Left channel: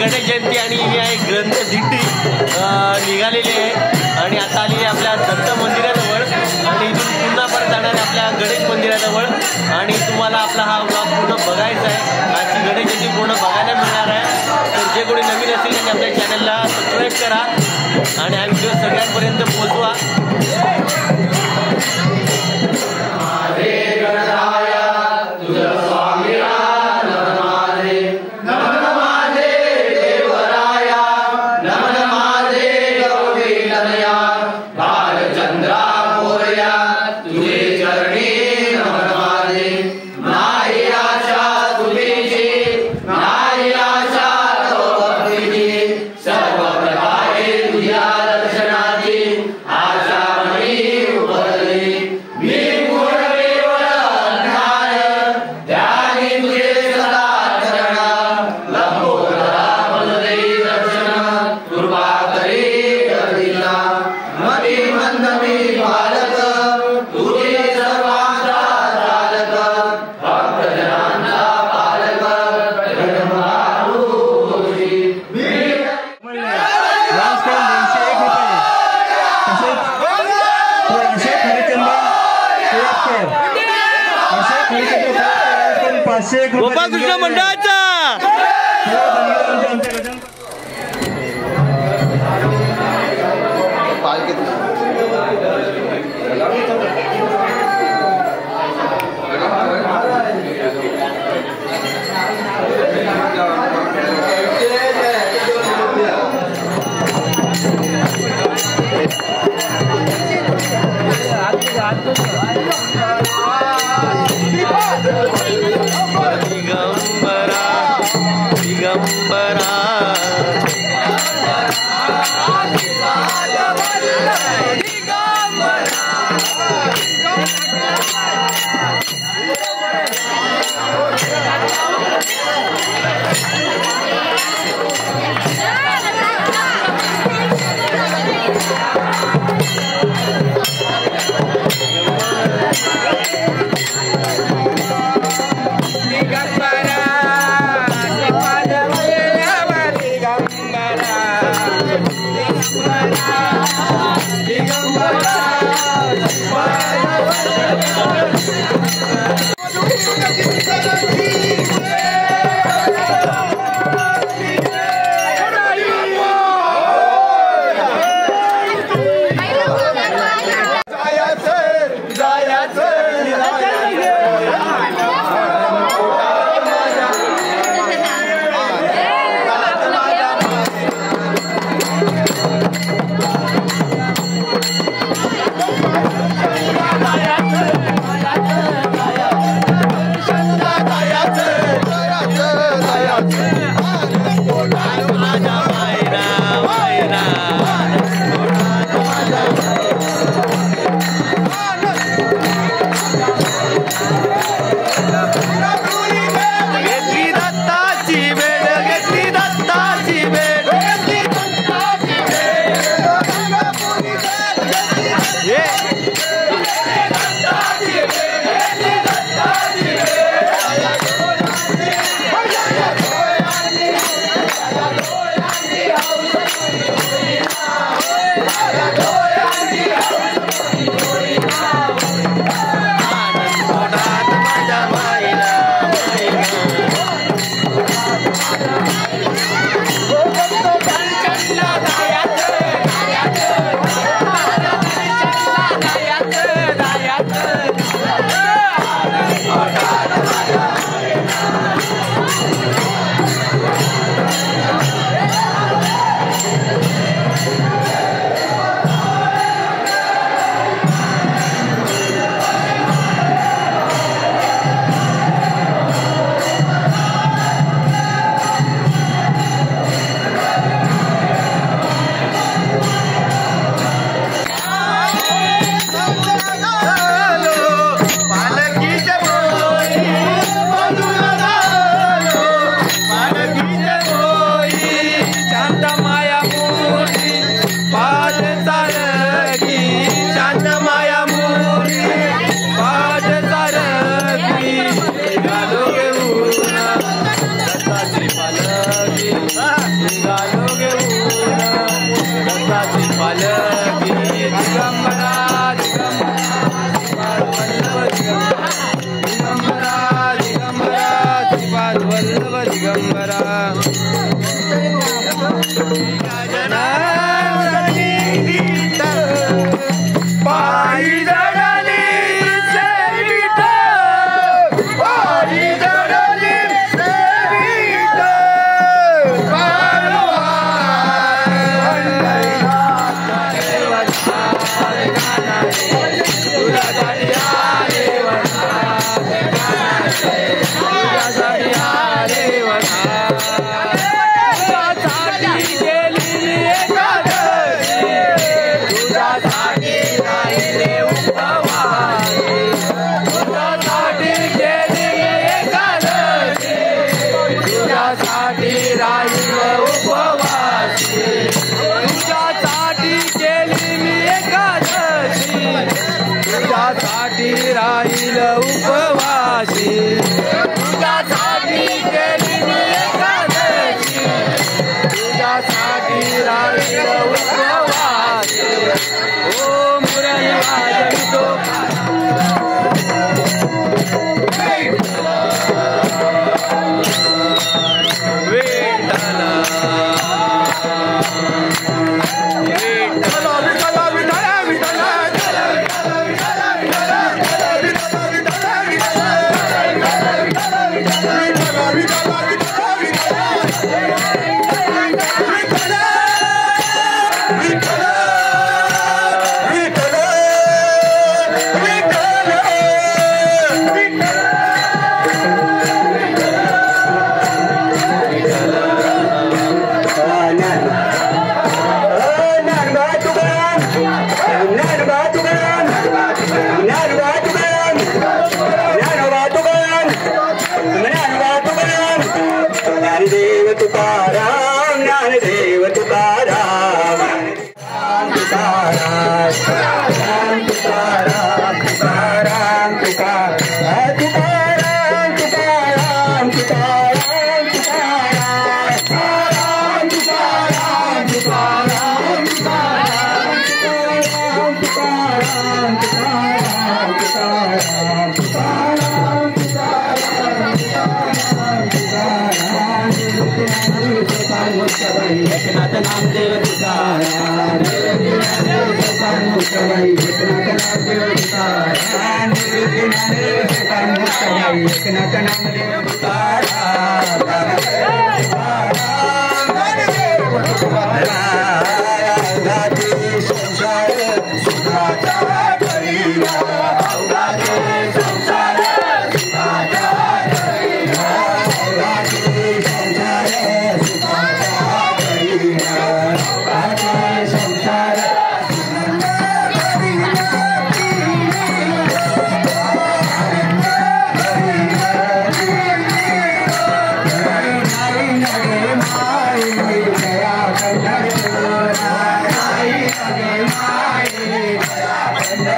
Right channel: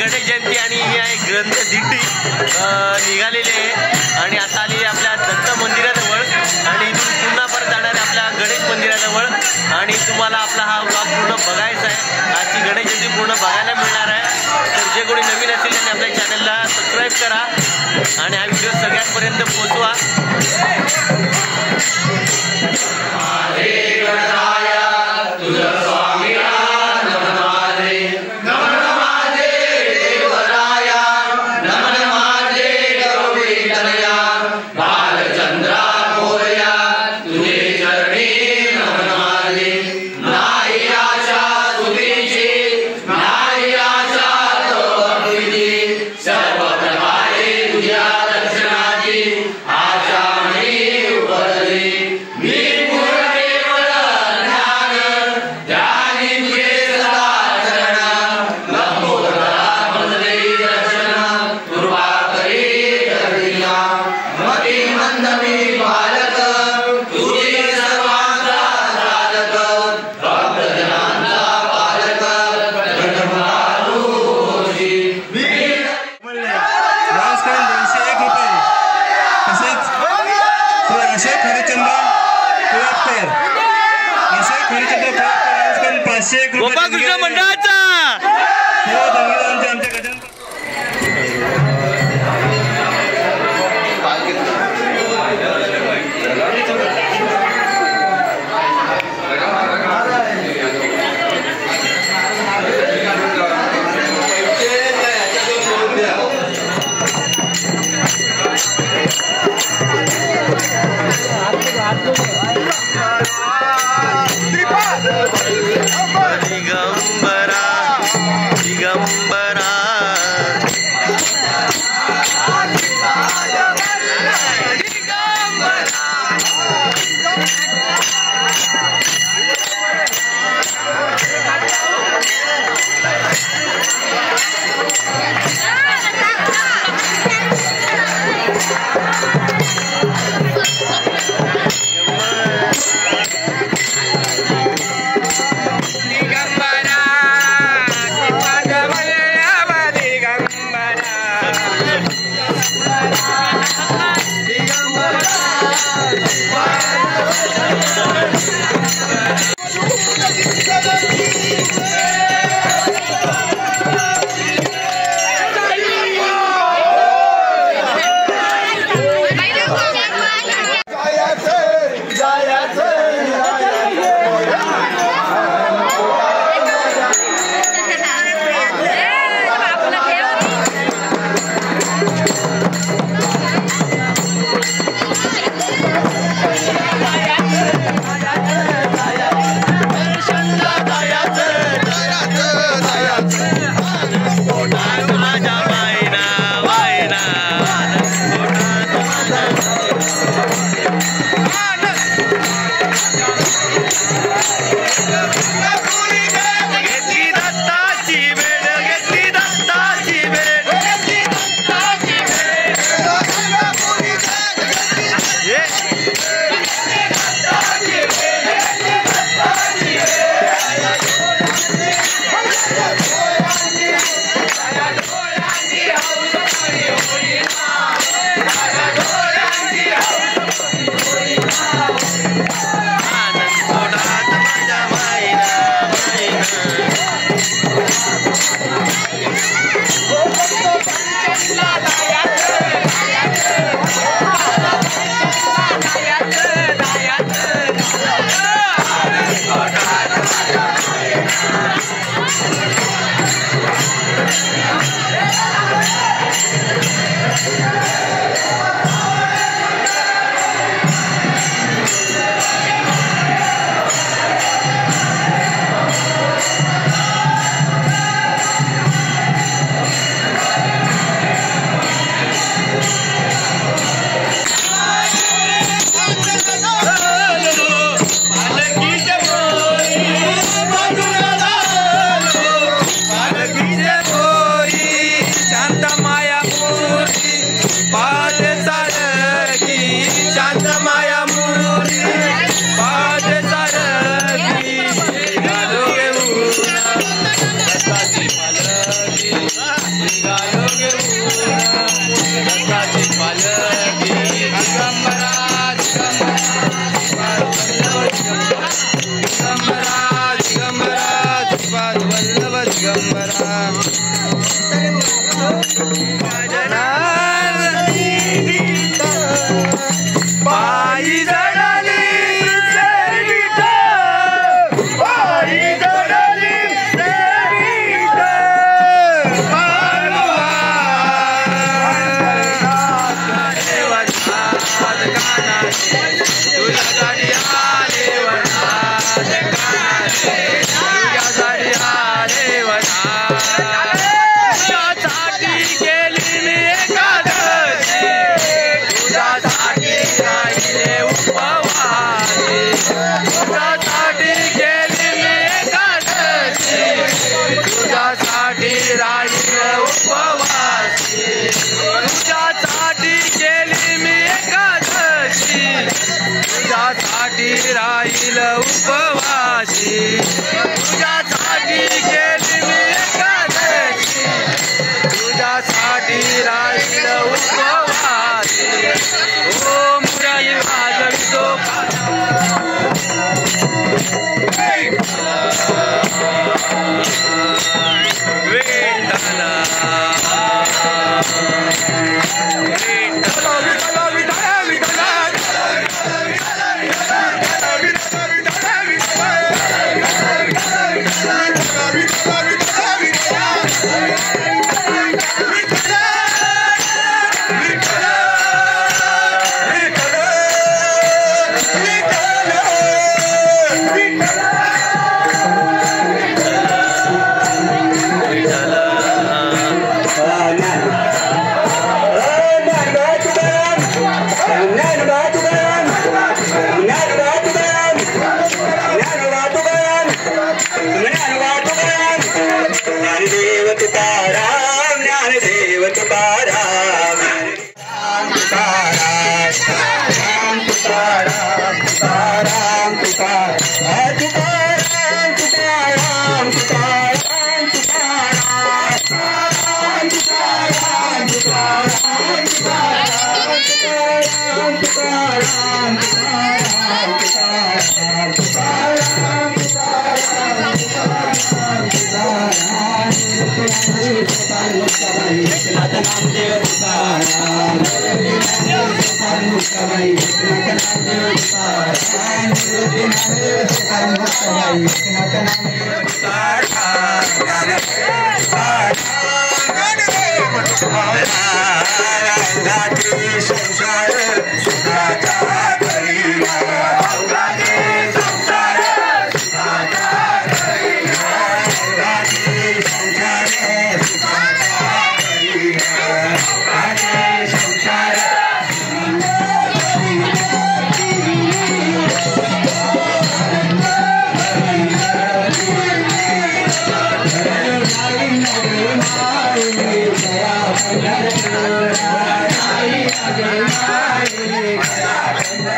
गणेश जयंती आणि ही आहे ग्रंथ दिंडी निघालेली आहे आणि आता आली आपल्या दत्त मंदिराजवळ आणि इथून पुन्हा परत जाणार आहे आपल्या गणेश मंदिराजवळ आणि तुम्हाला आपला हा व्लॉग पूर्ण बघायचा आहे. आजची गणेश जयंती पूर्ण बघायला मिळणार आहे. तर जे कोणी नवीन असेल त्यांनी आपल्या चॅनलला सबस्क्राईब करा आणि हा व्हिडिओ सगळ्यांपर्यंत पोहोचवा. गोपाळकृष्ण मंडळाचा दिगंबरा दिगंबरा दिगंबरा पायी जडली पायी जडली तुझ्यासाठी आले वनात तुझ्यासाठी आले वनात तुझ्यासाठी केली मी एकादशी तुझ्यासाठी राहिले उपवासी तुझ्यासाठी केली मी एकादशी तुझ्यासाठी राहिले उपवासी तुझ्यासाठी केली मी एकादशी तुझ्यासाठी राहील उपवासी तुझ्यासाठी केली मी एकादशी तुझ्यासाठी राहील उपवासी ओ मुरली वाजवितो वेताला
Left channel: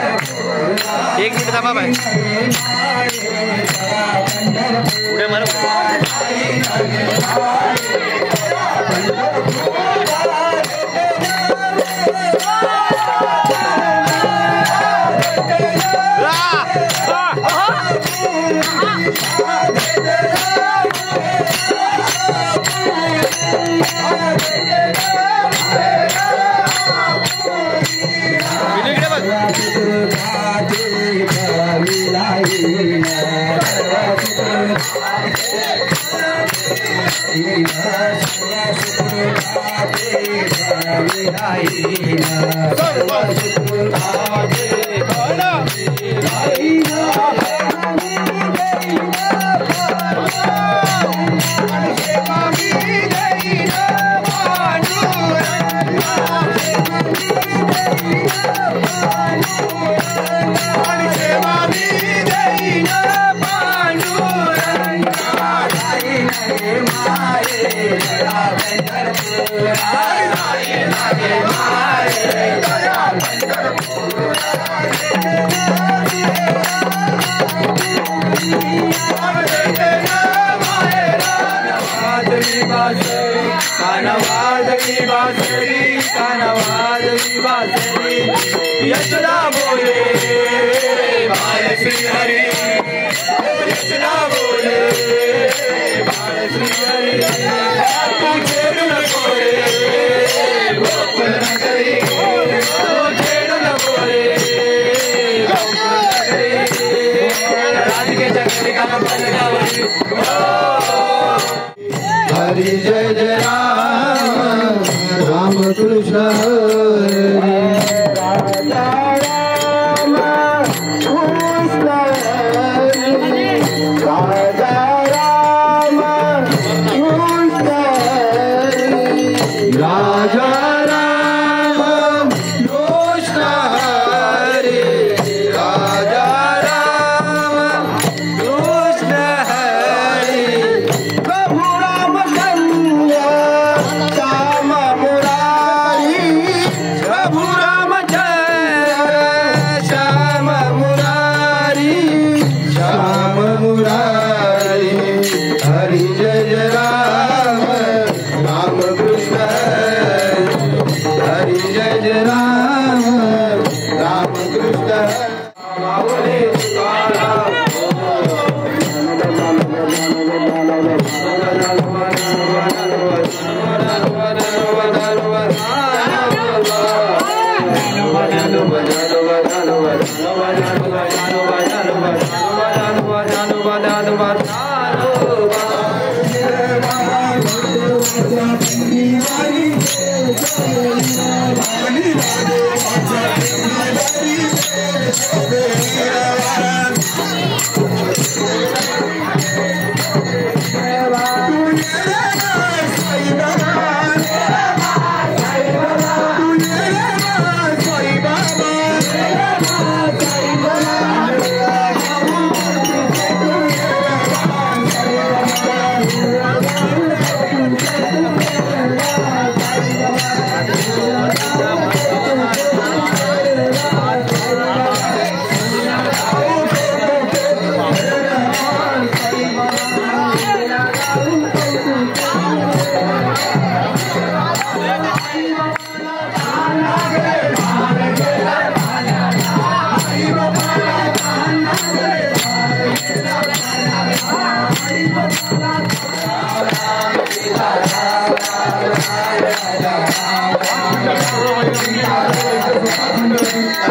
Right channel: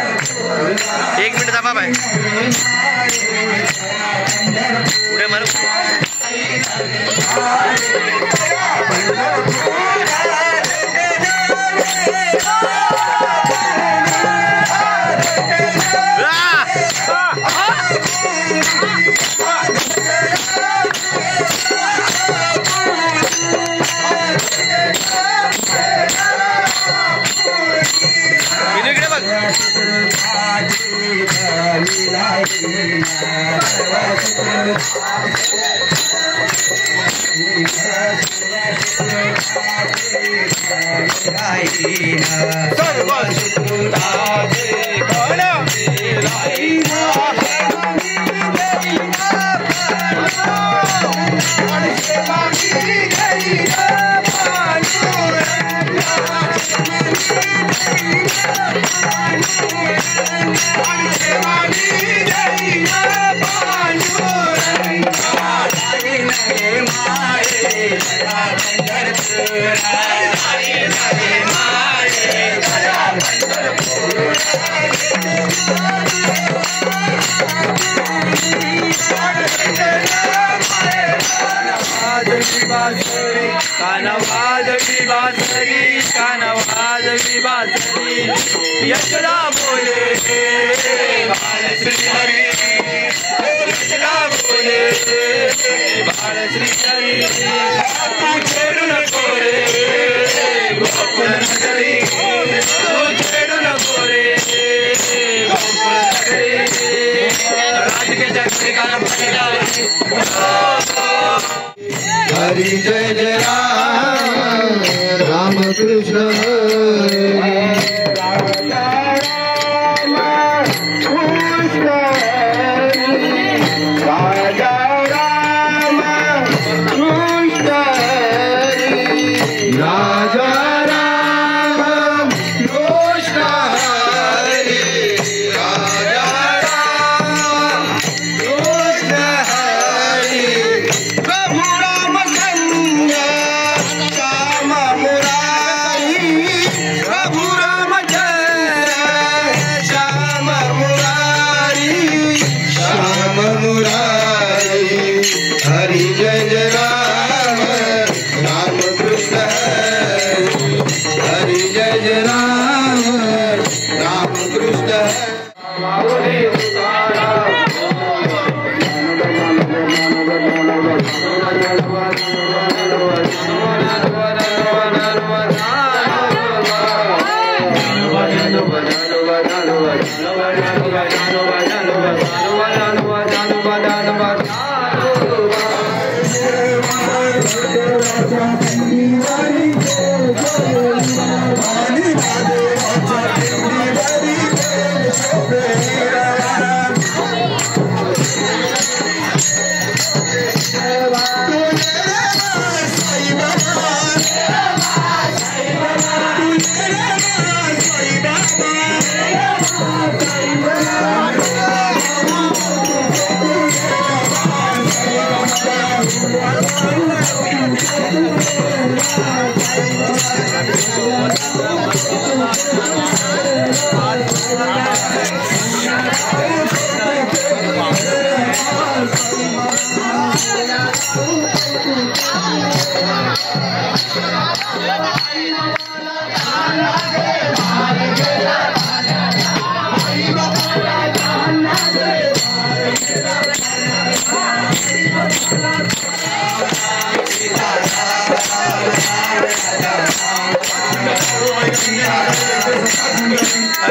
एक मिनिट थांबा बाय पुढे मारू कानवाजवी बासरी यशला बोले बाळ श्री हरी यशला बोले बाळ श्रीहरी तू छेडू नको रे गोकुळ नगरी तू छेडू नको रे गोकुळ नगरी राधिकेच्या घरी कान पलटावरी हरी जय जय राम राम कृष्ण हरी राजा राम कृष्ण हरी राजा राम कृष्ण हरी राजा राम कृष्ण हरी राजा राम कृष्ण हरी प्रभु रामचंद्र श्याम मुरारी प्रभु रामचंद्र श्याम मुरारी श्याम मुरारी हरि जय जय राम राम कृष्ण हरि जय जय राम राम कृष्ण माऊली तुकाराम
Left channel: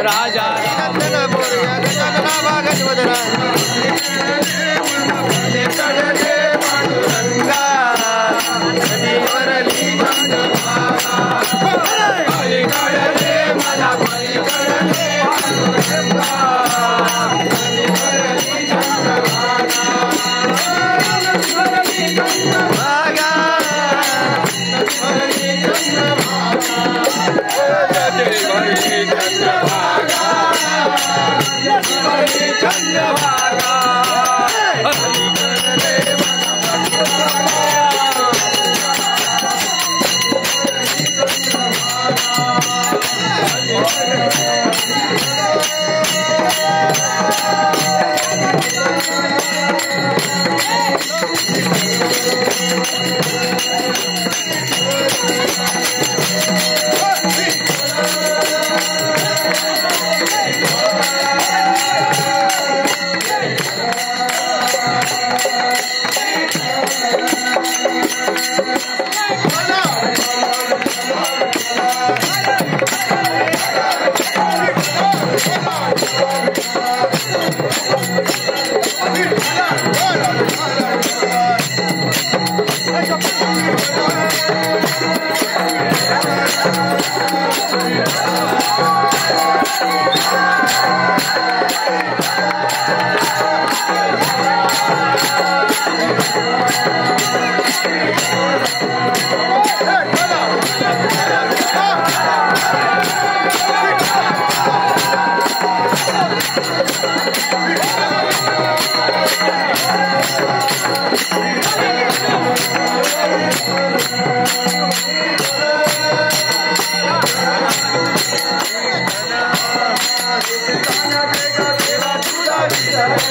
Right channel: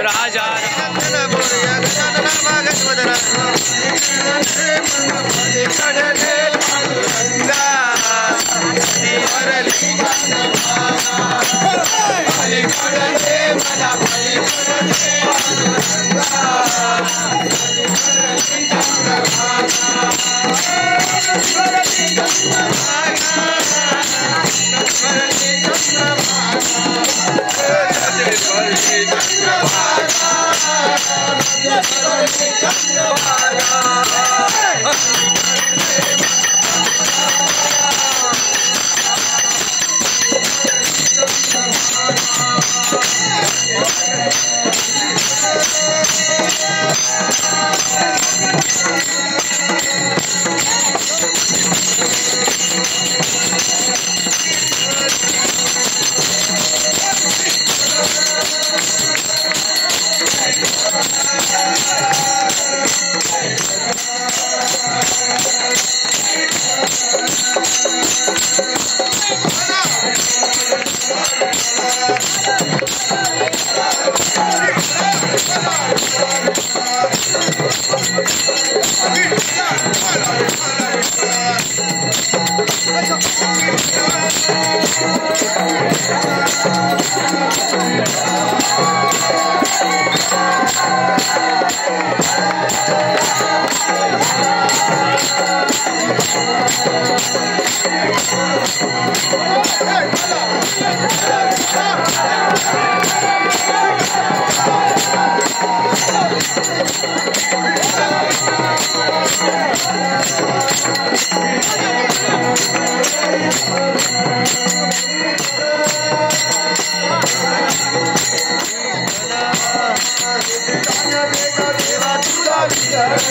राजा Jai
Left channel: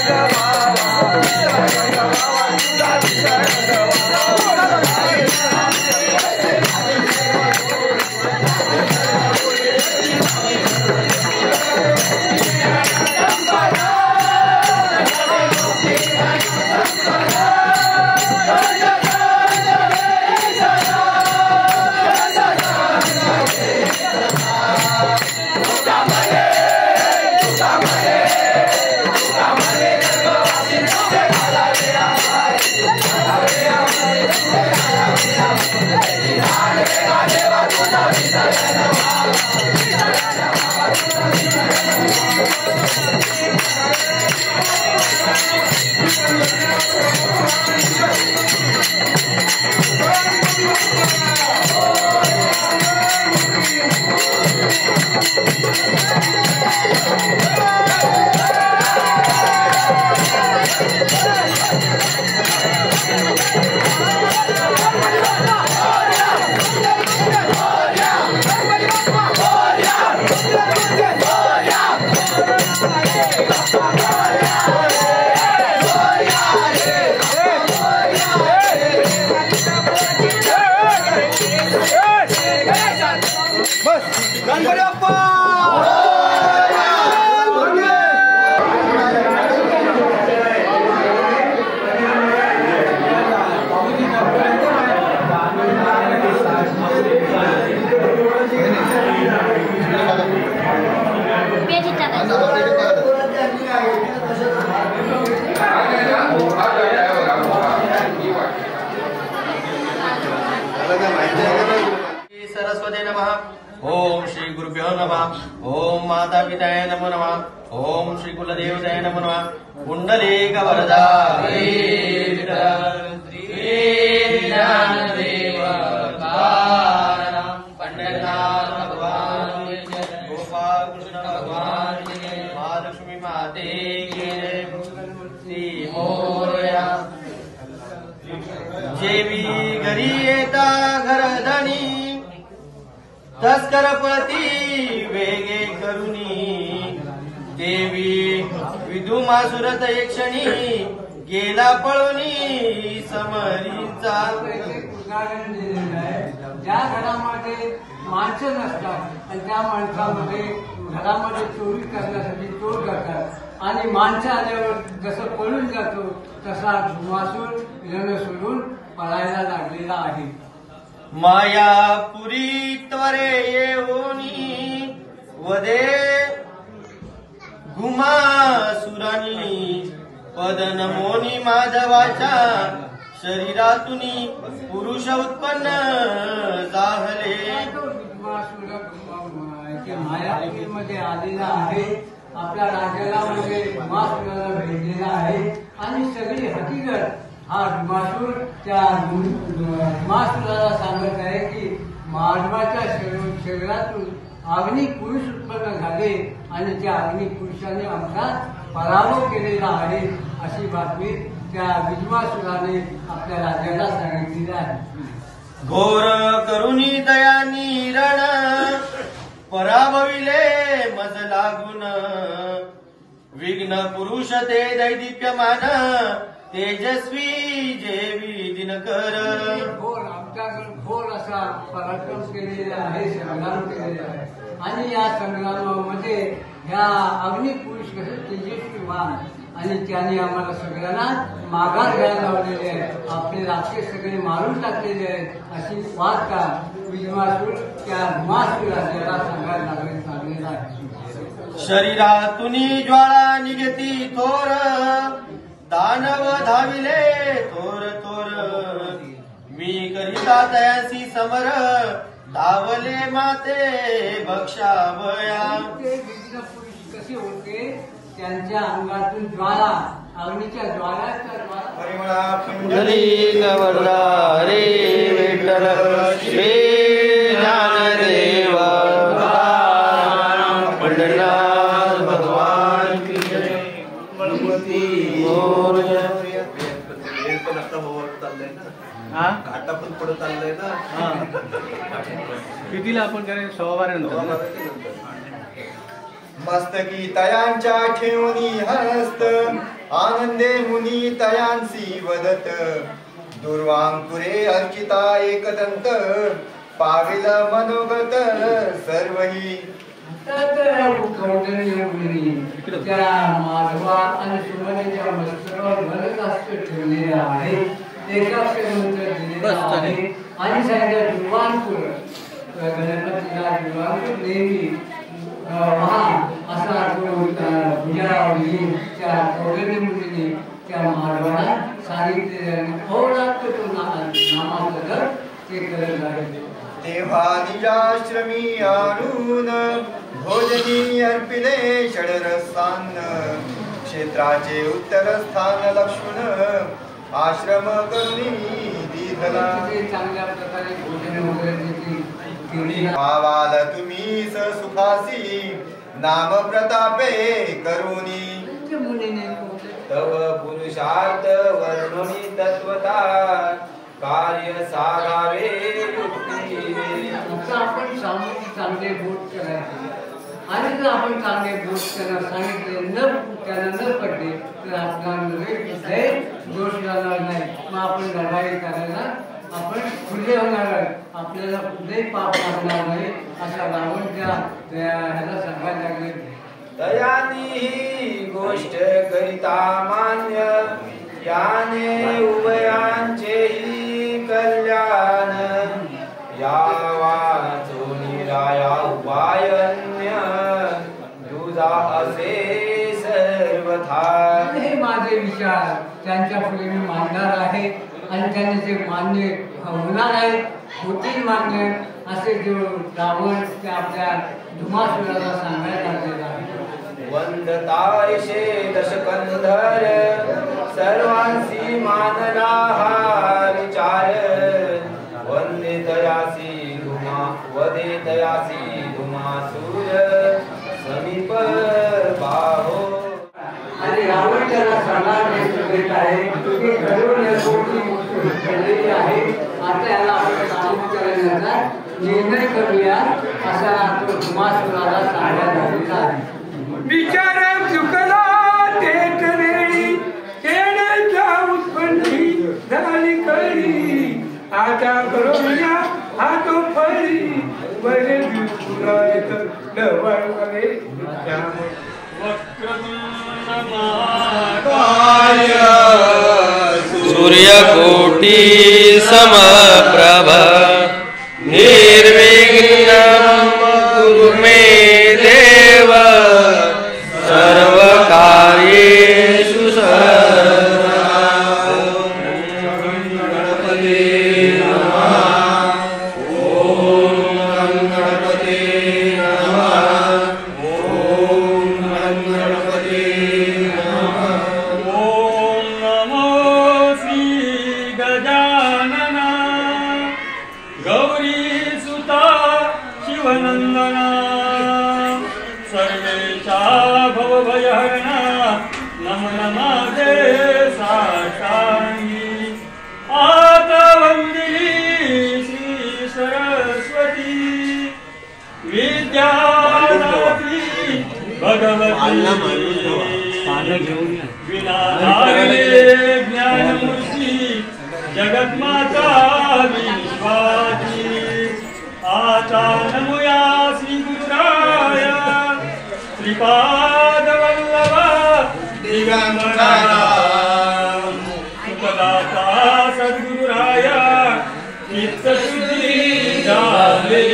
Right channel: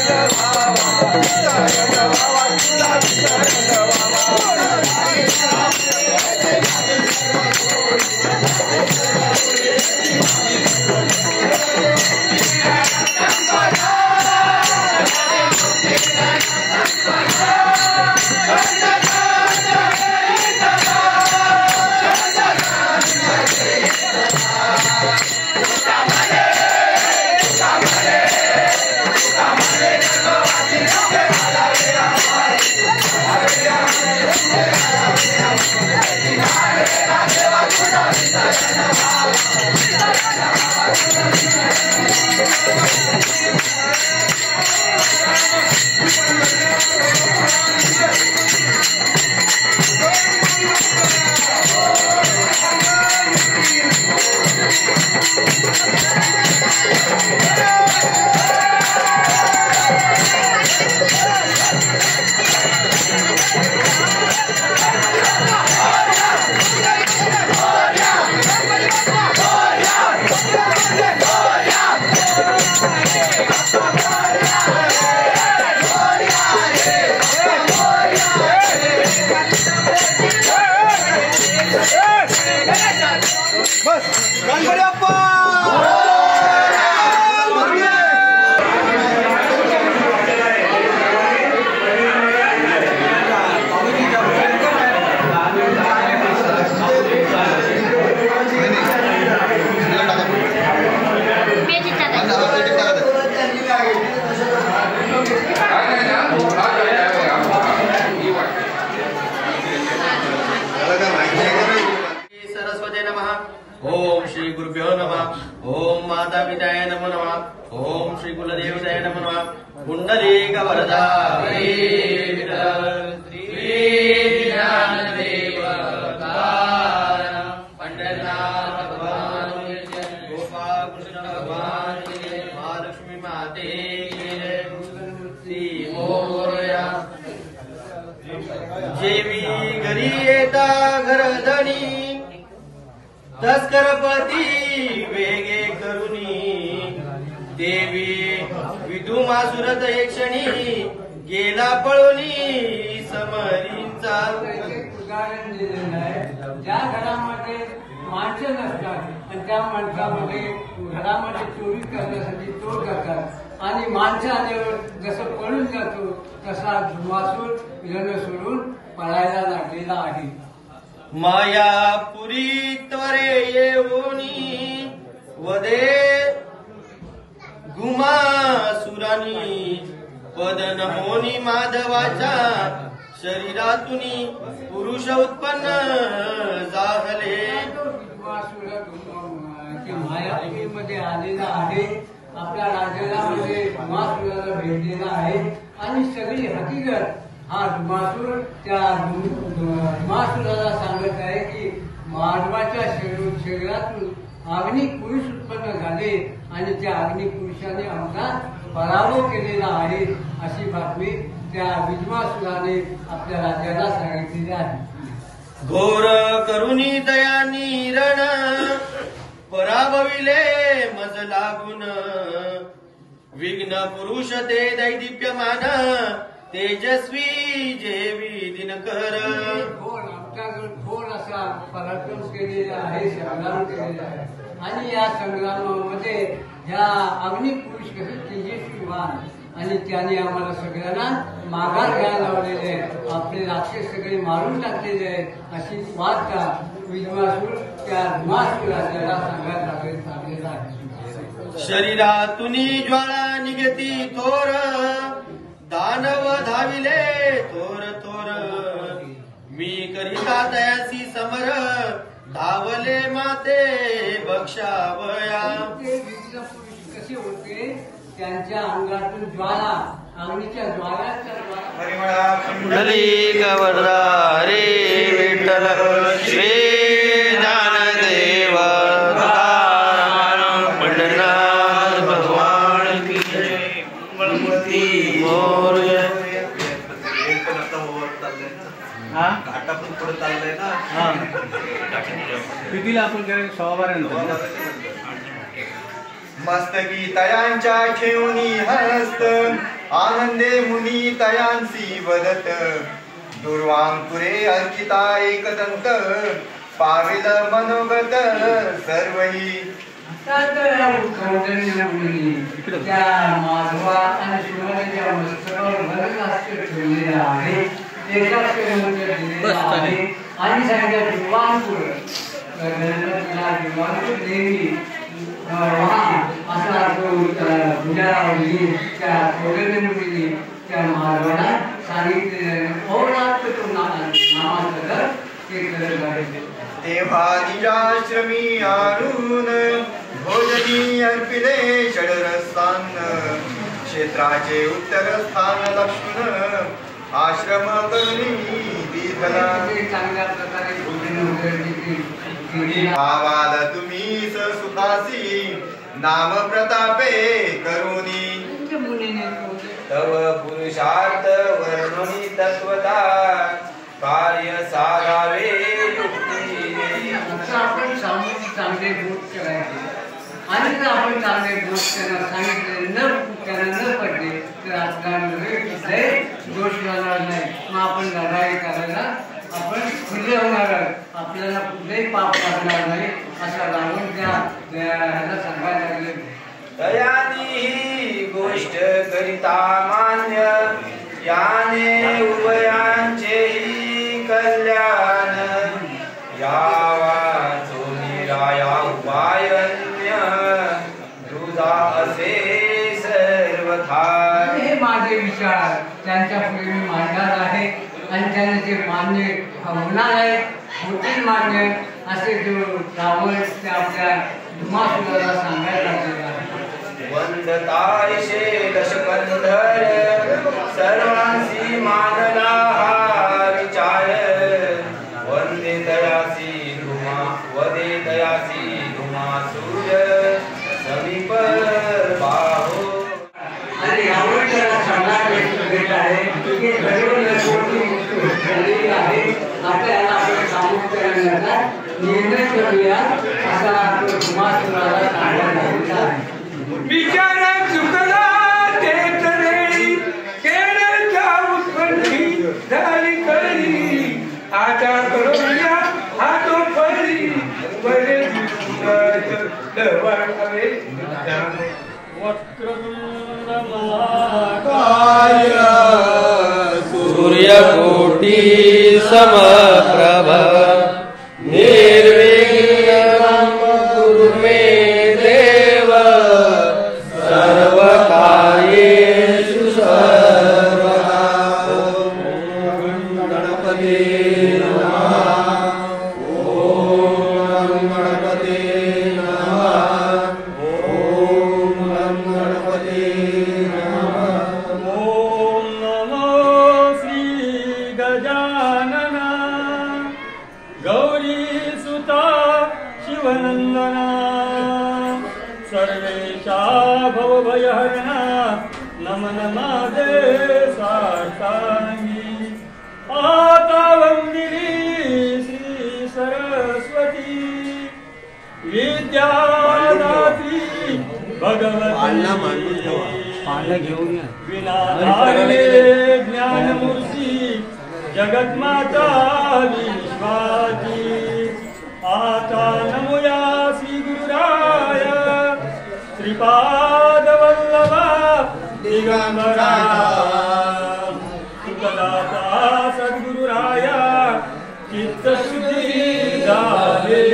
सरस्वती नमः। ओम श्री गुरुभ्यो नमः। ओम माता पिताय नमो नमः। ओम श्री कुलदेवताय नमो नमः। कुंडलीक वरदा ज्ञानदेव पंडरनाथ भगवान गोपाल कृष्ण भगवान महालक्ष्मी माते श्री मोरया जेवी घरी येता घरधणी तस्करपती वेगे करुणी देवी विधुमासुरत एकक्षणी गेला पळोनी समरीचा उदाहरण दिलेलं आहे. ज्या घरामध्ये माणसं नसतात आणि त्या माणसामध्ये घरामध्ये चोरी करण्यासाठी चोर करतात आणि माणसं आल्यावर जसं पळून जातो तसा वासूर लग्न सोडून पळायला लागलेला आहे. मायापुरी त्वरे येऊनी वदे गुमासुरानी पद नमोनी माधवाच्या शरीरातुनी पुरुष उत्पन्न जाहले. मायापुरीमध्ये आलेला आहे. आपल्या राजाला म्हणजे धुमासुराला भेटलेला आहे आणि सगळी हकीकत हा धुमासूर त्या धुमासुराला सांगत आहे की माधवाच्या शरीरातून आग्निक पुरुष उत्पन्न झाले आणि त्या आग्निक पुरुषाने आमचा पराभव केलेला आहे अशी बातमी त्या भीष्मासुराने आपल्या राजाला सांगितलेली आहे. घोर करुणी दयानी रण पराभविले मज लागून विघ्न पुरुष ते दैदिप्यमान तेजस्वी जेवी दिनकर. घोर असा पराक्रम केलेला आहे, संग्राम केलेला आहे आणि या संग्रामामध्ये ह्या अग्निक पुरुष कसे तेजस्वीवान आणि त्याने आम्हाला सगळ्यांना माघार घ्यायला लावलेले आहे. आपले राक्षस सगळे मारून टाकलेले आहेत अशी वार्ता विद्वासूर त्या धुमासुराला सांगायला लागलेला आहे. शरीरातुनी ज्वाळा निघती थोर दानव धाविले थोर थोर मी करिता तयासी समर धावले माते भक्षावया. ते विघ्न पुरुष कसे होते त्यांच्या अंगातून ज्वाला अग्नीच्या ज्वालाच्या कुंडलीक वरदा रे विठ्ठल श्री ज्ञानदेव पंढरनाथ भगवान की जय. मोरया. घाटा पण पुढे चाललाय ना. कितीला आपण त्याला 100 मस्तकी तयांच्या ठेवणी हस्त आनंदे मुनी तयांसी वदत दुर्वांकुरे अर्चिता एकदंत पाविल मनोगत सर्वही. त्या माधवा आणि सुमनाच्या वस्त्रावर भरत ठेवलेले आहे. आणि सांगितलं दिवाणपूर गणपतीला दिवाणपूर देवी असा तो भुजावली त्या पौर्णिमेने त्या माधवाला सांगितलेलं आहे. अहोरात्र तो नामाचं जप ते करत आहे. तेव्हा निजाश्रमी आणून भोजनी अर्पिले षडरसान्न क्षेत्राचे उत्तर स्थान लक्ष्मण आश्रम करुणी विधला. चांगल्या प्रकारे भोजन वगैरे आवाल तुम्ही सुखासी नाम प्रतापे करुणी तव पुरुषार्थ वर्णनी तत्वता कार्य साधावे युक्ती. आपण चांगले बोध करायचे आणि जर आपण चांगले बोध त्यांना सांगितले न पडले तर आपल्यामध्ये कुठलाही दोष लागणार नाही. मग आपण लढाई करायला आपण खुले होणार आहोत. आपल्याला कुठलेही पाप लागणार नाही असा रावण ह्याला सांगायला लागले. दयानी ही गोष्ट करिता मान्य याने उभयांचेही कल्याण यावा चोनीराया उपायन्य तुझा असे सर्वथा. हे माझे विचार त्यांच्या पुढे मी मांडणार आहे आणि त्यांना जे मान्य होणार आहे होतील मान्य असे जो रावण ते आपल्या धुमासुराला सांगायला लागलेला आहे. वंदतायशे दशकंधर सर्वांसी मानला हा विचार वंदे दयासी धुमासूर समीप बाहो. आणि रावण त्याला सांगायला भेट आहे की आहे आता याला आपण सामोरं करण्याचा निर्णय करूया असा तो धुमासुराला सांगायला लागलेला आहे. विचार चुकला तेच वेळी केळच्या उत्पन्नी झाली कळी आता करूया हा तो फळी बरे डवळे सूर्यकोटी समप्रभ निर्विघ्नं कुरु मे देव सर्वकार्येषु सर्वदा. गणपते नमः. ओम गणपते नमः. ओम गणपते नमः. ओम नमो श्री गजानना गौरी सुता शिवनंदना सर्वेशा भवभयहरणा नम नमादे साष्टांगी. आता वंदिनी श्री सरस्वती विद्यादात्री भगवती विनाधारणे ज्ञानमूर्ती जगन्माता विश्वाची. आता नमूया श्री गुरुराय श्रीपादवल्लभा दिगंबरा सुखदाता सद्गुरुराया चित्तशुद्धी झाले.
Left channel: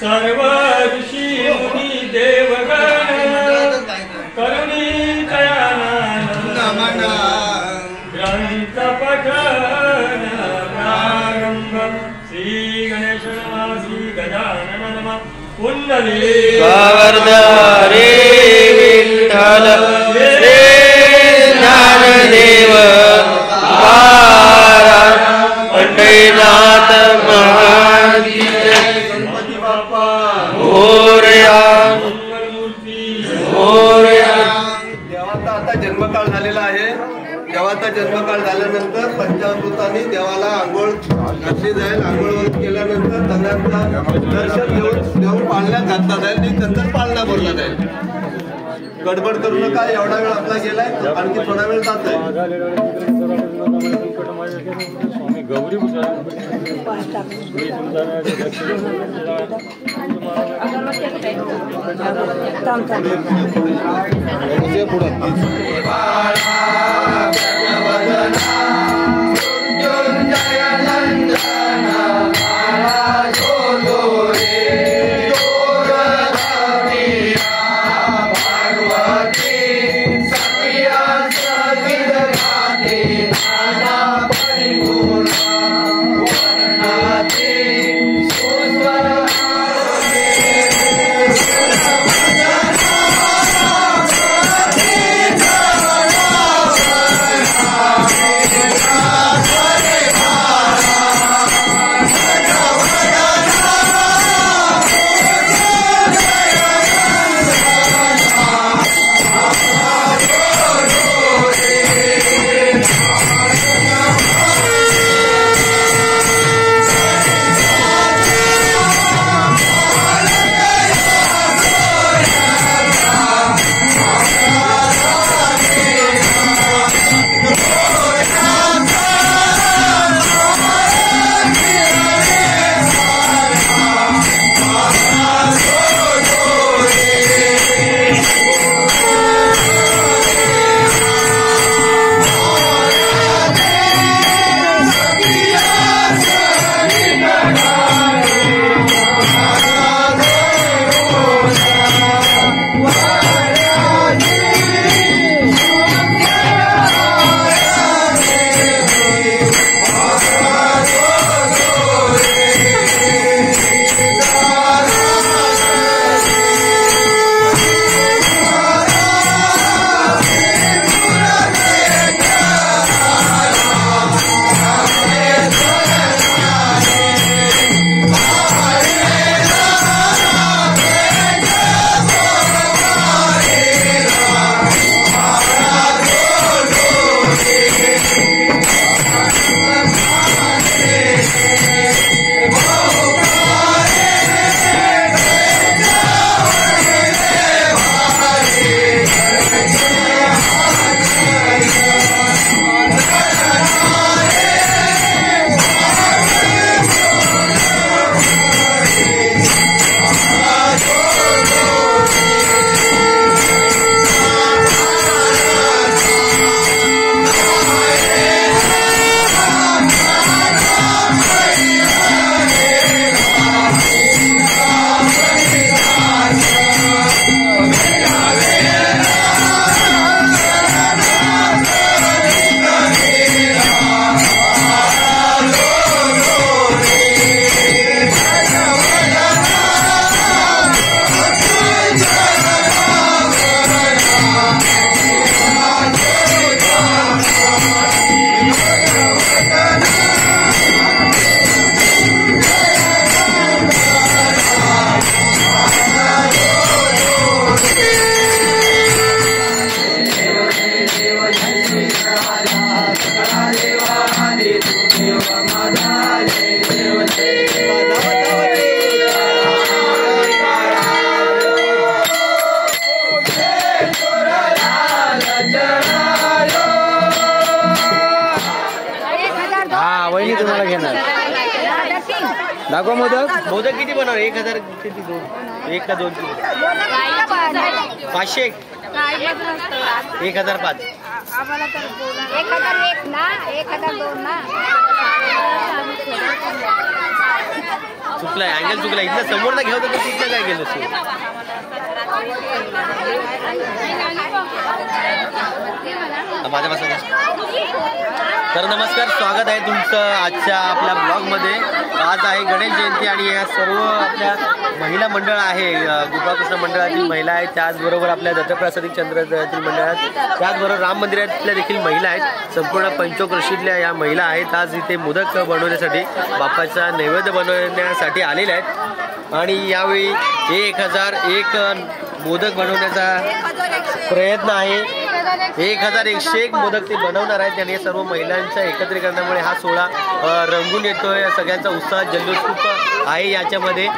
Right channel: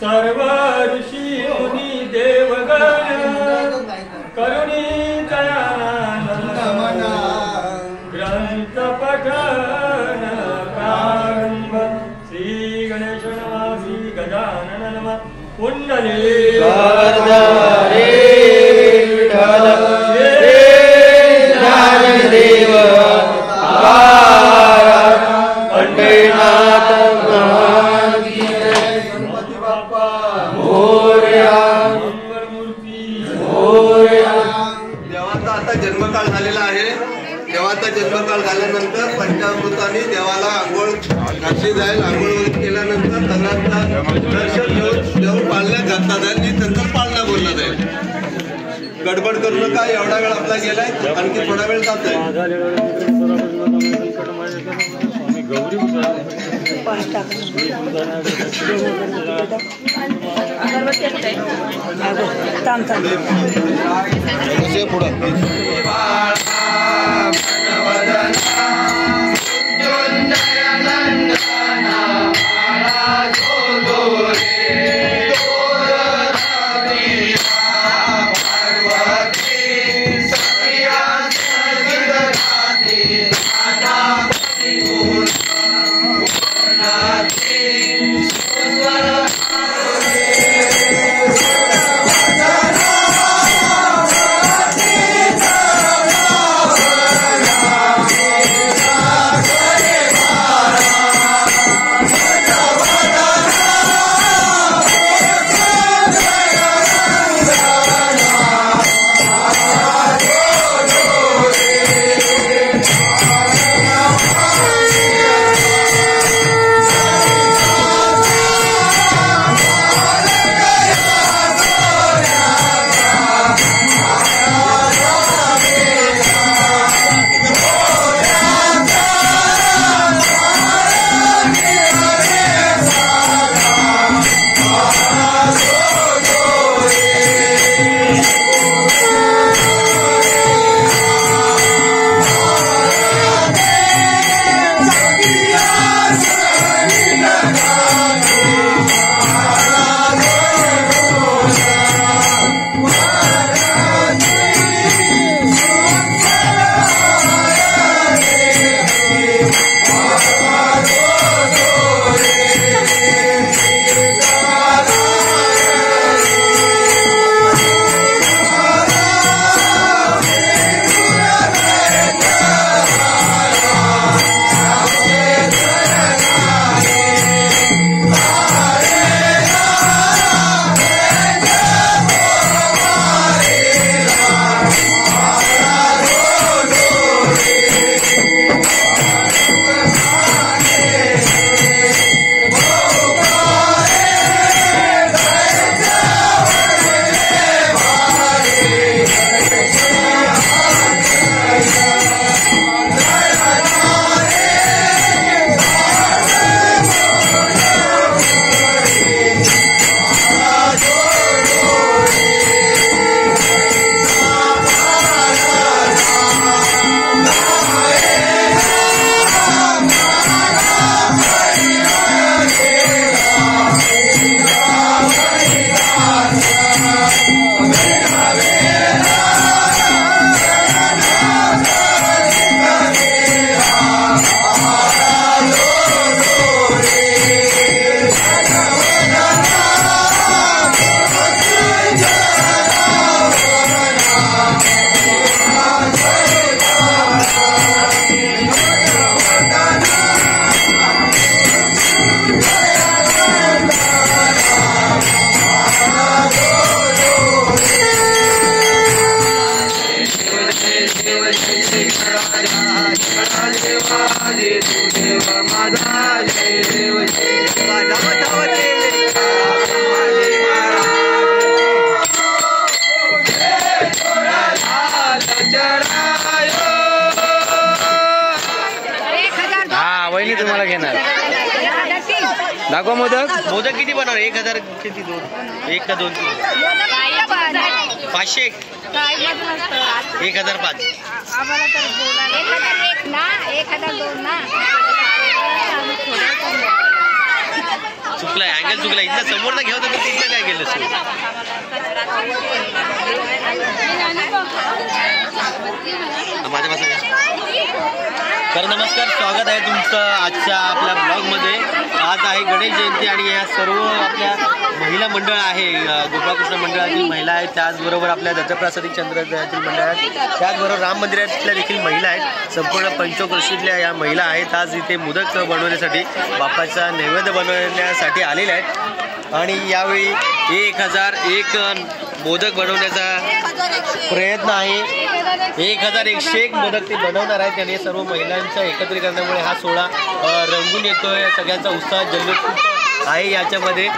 सर्व ऋषी मुनी देवगण करुणी दयानंद ग्रंथ पठन प्रारंभ. श्री गणेश नमः. श्री गजानन नमः. कुंडली रे विठ्ठल श्री ज्ञानदेव पंढरीनाथ देवाचा आता जन्मकाळ झालेला आहे. देवाचा जन्मकाळ झाल्यानंतर पंचामृताने देवाला आंघोळ घातली जाईल. आंघोळ वगैरे केल्यानंतर सगळ्यांना दर्शन घेऊन देव पाळण्यात घातला जाईल आणि नंतर पाळणा बोलला जाईल. गडबड करू नका. एवढा वेळ आपला गेलाय आणखी थोडा वेळ जात आहे. पुढे वहिनी तुम्हाला घेणार दाखवा मोदक. मोदक किती बनवणार? 1000 किती? 2 1 का 2? 500 1005 1001 ना 1002 ना. चुकला अँगल चुकला. इथल्या समोर ना घेऊ तर तिथलं काय गेलं तू? तर नमस्कार, स्वागत आहे तुमचं आजच्या आपल्या ब्लॉगमध्ये. आज आहे गणेश जयंती आणि या सर्व आपल्या महिला मंडळ आहे, गोपाळकृष्ण मंडळातील महिला आहेत, त्याचबरोबर आपल्या दत्तप्रसादिक चंद्रोदयातील मंडळ आहेत, त्याचबरोबर राम मंदिरातल्या देखील महिला आहेत. संपूर्ण पंचक्रोशीतल्या या महिला आहेत. आज इथे मोदक बनवण्यासाठी, बाप्पाचा नैवेद्य बनवण्यासाठी आलेल्या आहेत. आणि यावेळी 1001 मोदक बनवण्याचा प्रयत्न आहे. 1101 मोदक ते बनवणार आहेत. आणि सर्व महिलांच्या एकत्रीकरणामुळे हा सोहळा रंगून येतोय. सगळ्यांचा उत्साह जल्लोष खूप आहे याच्यामध्ये.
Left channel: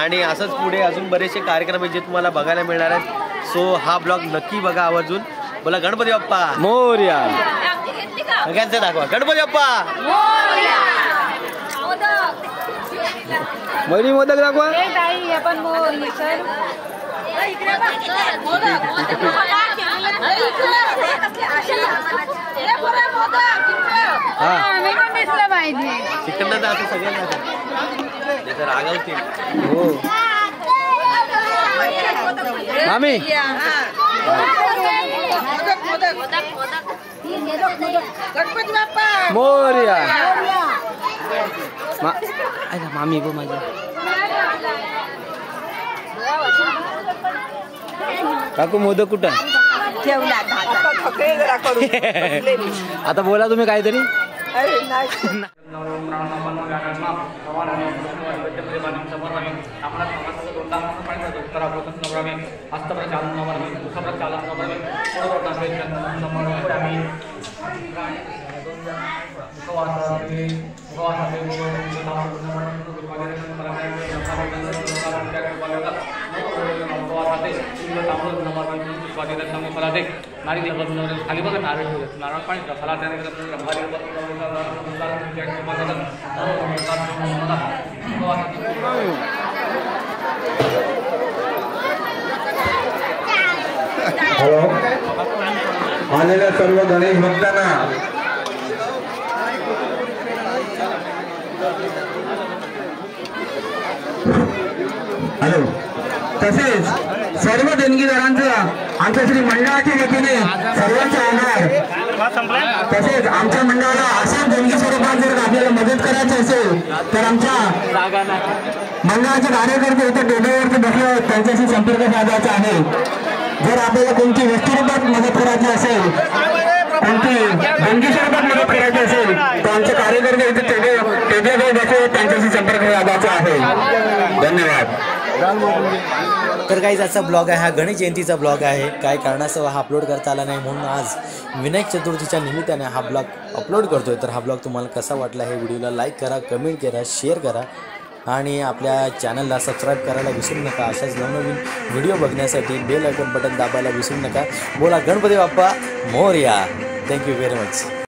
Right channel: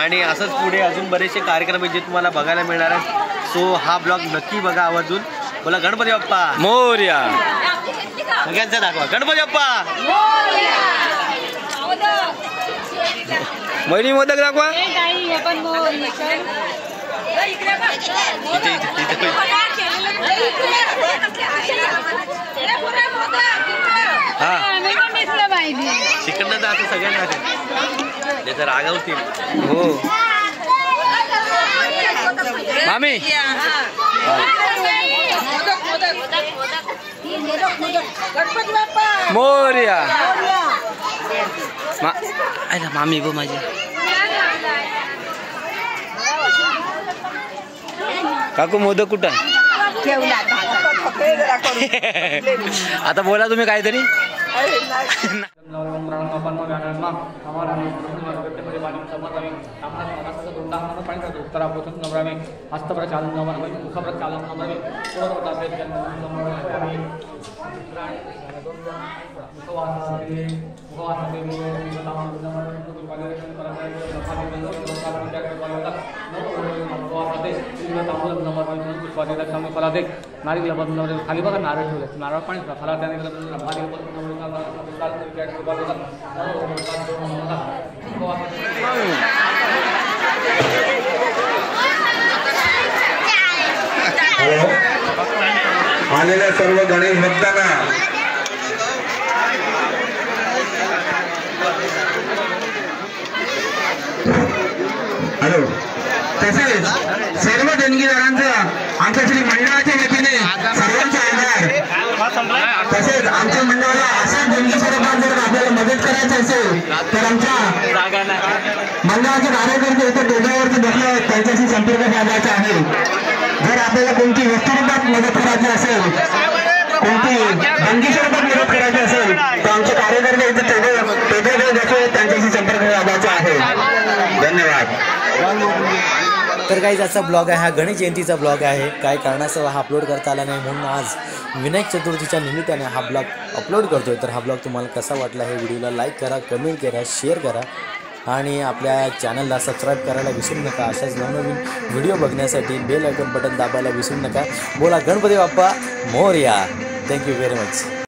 आणि असंच पुढे अजून बरेचसे कार्यक्रम आहेत जे तुम्हाला बघायला मिळणार आहेत. सो हा ब्लॉग नक्की बघा आवर्जून. बोला गणपती बाप्पा मोरया. सगळ्यांचा दाखवा गणपती बाप्पा. वहिनी मोदक दाखवा. चिकन असं सगळ्यांना रागवतील. हो मामी. मोरया. मामी गो माझी. काकू मोदक कुठं आहे? आता बोला तुम्ही काहीतरी. खाली बघा नारळ ठेवले, नारळ पाणी फला हॅलो, आलेल्या सर्व गणेश भक्तांना हॅलो, तसेच सर्व देणगीदारांचा आमच्या श्री मंडळाच्या वतीने सर्वांचे आभार. तसेच आमच्या मंडळाला अशा देणगी स्वरूपात जर आपल्याला मदत करायची असेल तर आमच्या मंडळाचे कार्यकर्ते इथे टेबलवरती बसले आहेत, त्यांच्याशी संपर्क साधायचा आहे. जर आपल्याला कोणती वस्तुरूपात मदत करायची असेल, कोणती देणगी स्वरूपात मदत करायची असेल तर आमचे कार्यकर्ते इथे टेबलवर बसले, त्यांच्याशी संपर्क साधायचा आहे. धन्यवाद. तर काही आजचा ब्लॉग आहे हा गणेश जयंतीचा ब्लॉग आहे. काय कारणास्तव हा अपलोड करता आला नाही म्हणून आज विनायक चतुर्थीच्या निमित्ताने हा ब्लॉग अपलोड करतोय. तर हा ब्लॉग तुम्हाला कसा वाटला हे व्हिडिओला लाईक करा, कमेंट करा, शेअर करा आणि आपल्या चॅनलला सबस्क्राईब करायला विसरू नका. अशाच नवनवीन व्हिडिओ बघण्यासाठी बेल आयकॉन बटन दाबायला विसरू नका. बोला Ganpati Bappa Morya. Thank you very much.